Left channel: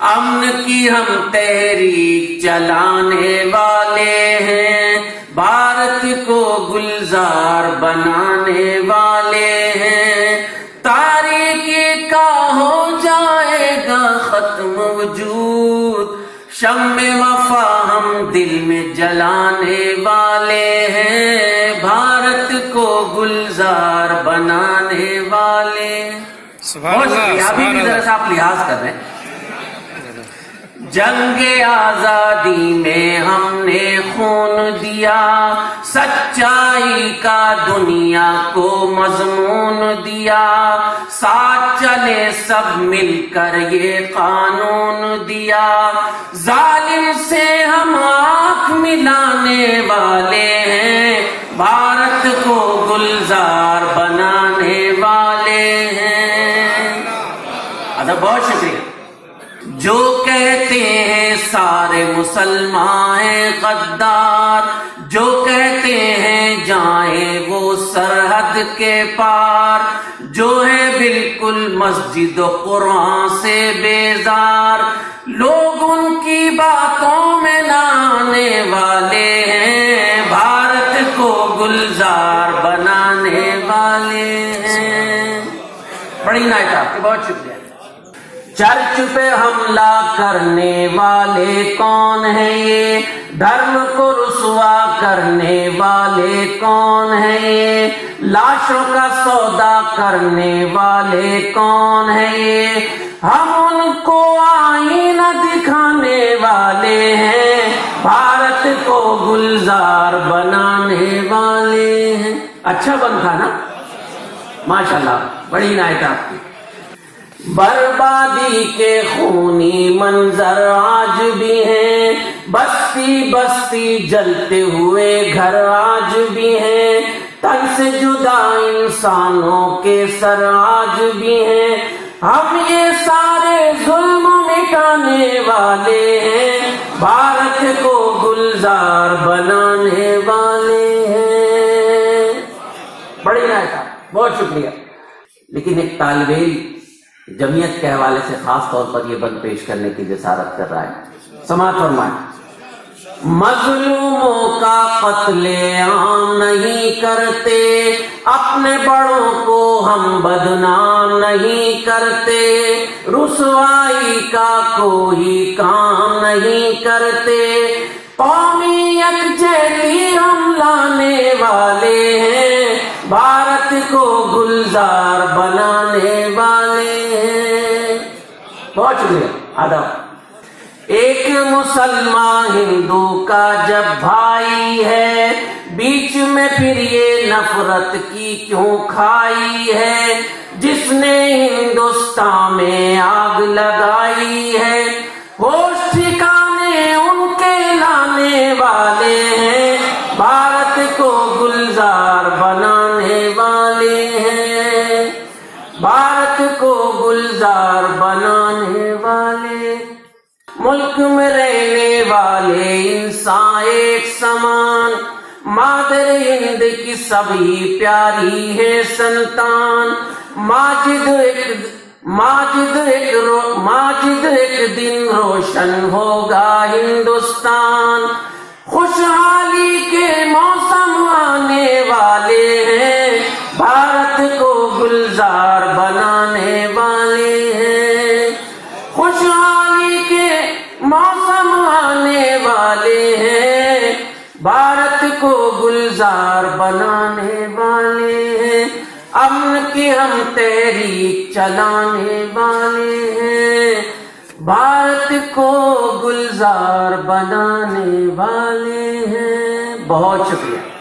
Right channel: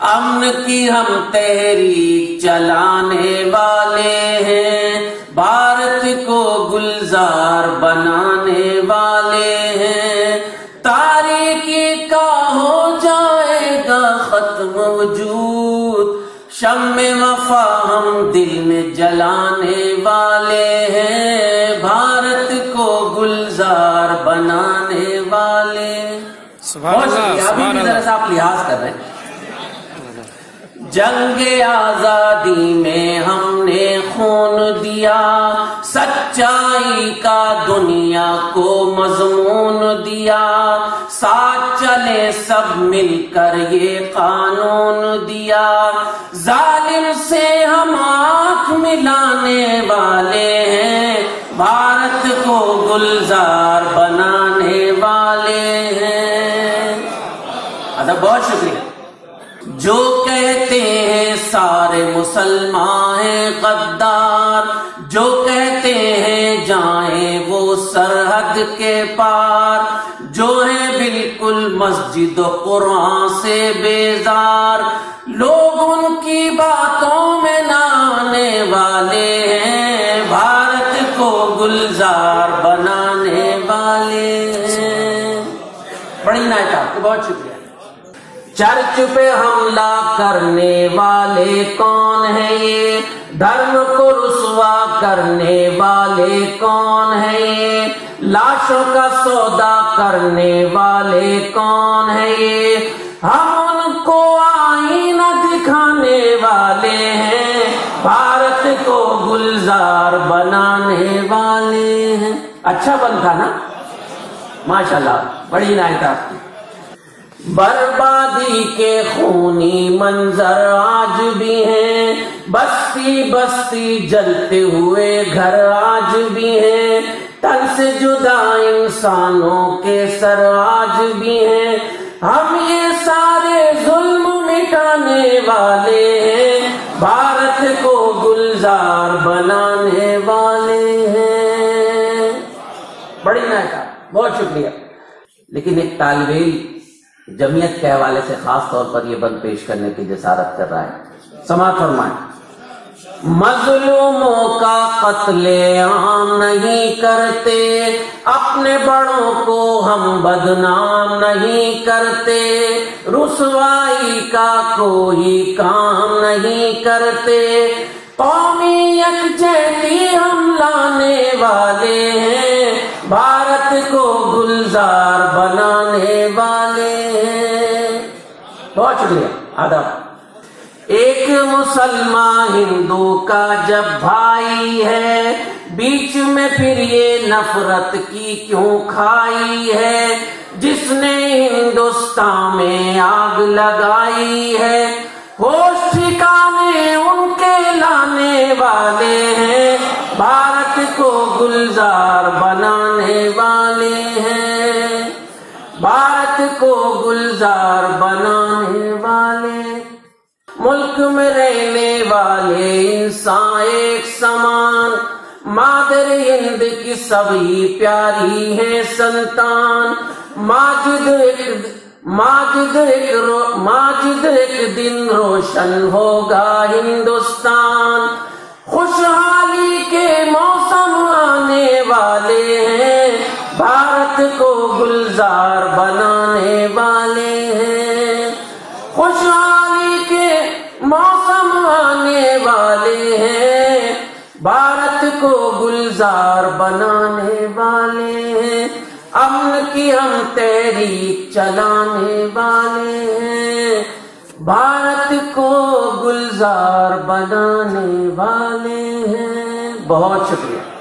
امن کی ہم تحریک چلانے والے ہیں، بھارت کو گلزار بنانے والے ہیں، تاریکی کا ہو جائے گا ختم وجود، شمع وفا ہم دل میں جلانے والے ہیں، بھارت کو گلزار بنانے والے۔ سبحان اللہ، سبحان اللہ۔ آپ لحاظ کر رہے ہیں، جنگ آزادی میں ہم نے خون دیا، سچائی کا دنیا کو مضمون دیا، ساتھ چلے سب مل کر یہ قانون دیا، ظالم سے ہم آنکھ ملانے والے ہیں، بھارت کو گلزار بنانے والے ہیں۔ بہت شکریہ۔ جو کہتے ہیں سارے مسلمان ہیں غدار، جو کہتے ہیں جائیں وہ سرحد کے پار، جو ہے بالکل مسجد و قرآن سے بیزار، لوگ ان کی باتوں میں نہ آنے والے ہیں، بھارت کو گلزار بنانے والے ہیں۔ بڑی نائٹ آپ کی، بہت شکریہ۔ چرچ پہ حملہ کرنے والے کون ہیں یہ، دھرم کو رسوا کرنے والے کون ہیں یہ، لاشوں کا سودا کرنے والے کون ہیں یہ، ہم ان کو آئینہ دکھانے والے ہیں، بھارت کو گلزار بنانے والے ہیں۔ اچھا بنتا نا، ماشاءاللہ، بڑی نائٹ آپ کی۔ بربادی کے خونی منظر آج بھی ہیں، بستی بستی جلتے ہوئے گھر آج بھی ہیں، تن سے جدا انسانوں کے سر آج بھی ہیں، ہم یہ سارے ظلم مٹانے والے ہیں، بھارت کو گلزار بنانے والے ہیں۔ بڑی نائٹا، بہت شکریہ۔ لیکن ایک طالب علم جمعیت کے حوالے سے خاص طور پر یہ بند پیش کرنے کی جسارت کر رہا ہے، سماعت فرمائیں۔ مظلوموں کا قتل عام نہیں کرتے، اپنے بڑوں کو ہم بدنام نہیں کرتے، رسوائی کا کوئی کام نہیں کرتے، قومی یکجہتی ہم لانے والے ہیں، بھارت کو گلزار بنانے والے ہیں۔ بہت شکریہ، آداب۔ ایک مسلمان ہندو کا جب بھائی ہے، بیچ میں پھر یہ نفرت کی کیوں کھائی ہے، جس نے ہندوستان میں آگ لگائی ہے، ہوش ٹھکانے ان کے لانے والے ہیں، بھارت کو گلزار بنانے والے ہیں، بھارت کو گلزار بنانے والے۔ ملک میں رہنے والے انسان ایک سمان، مادر ہند کی سبھی پیاری ہے سنتان، ماجد ایک دن روشن ہوگا ہندوستان، خوشحالی کے موسم آنے والے ہیں، بھارت کو گلزار بنانے والے ہیں، خوشحالی کے موسم آنے والے ہیں، بھارت کو گلزار بنانے والے ہیں، امن کی ہم تحریک چلانے والے ہیں، بھارت کو گلزار بنانے والے ہیں۔ بہت شکریہ۔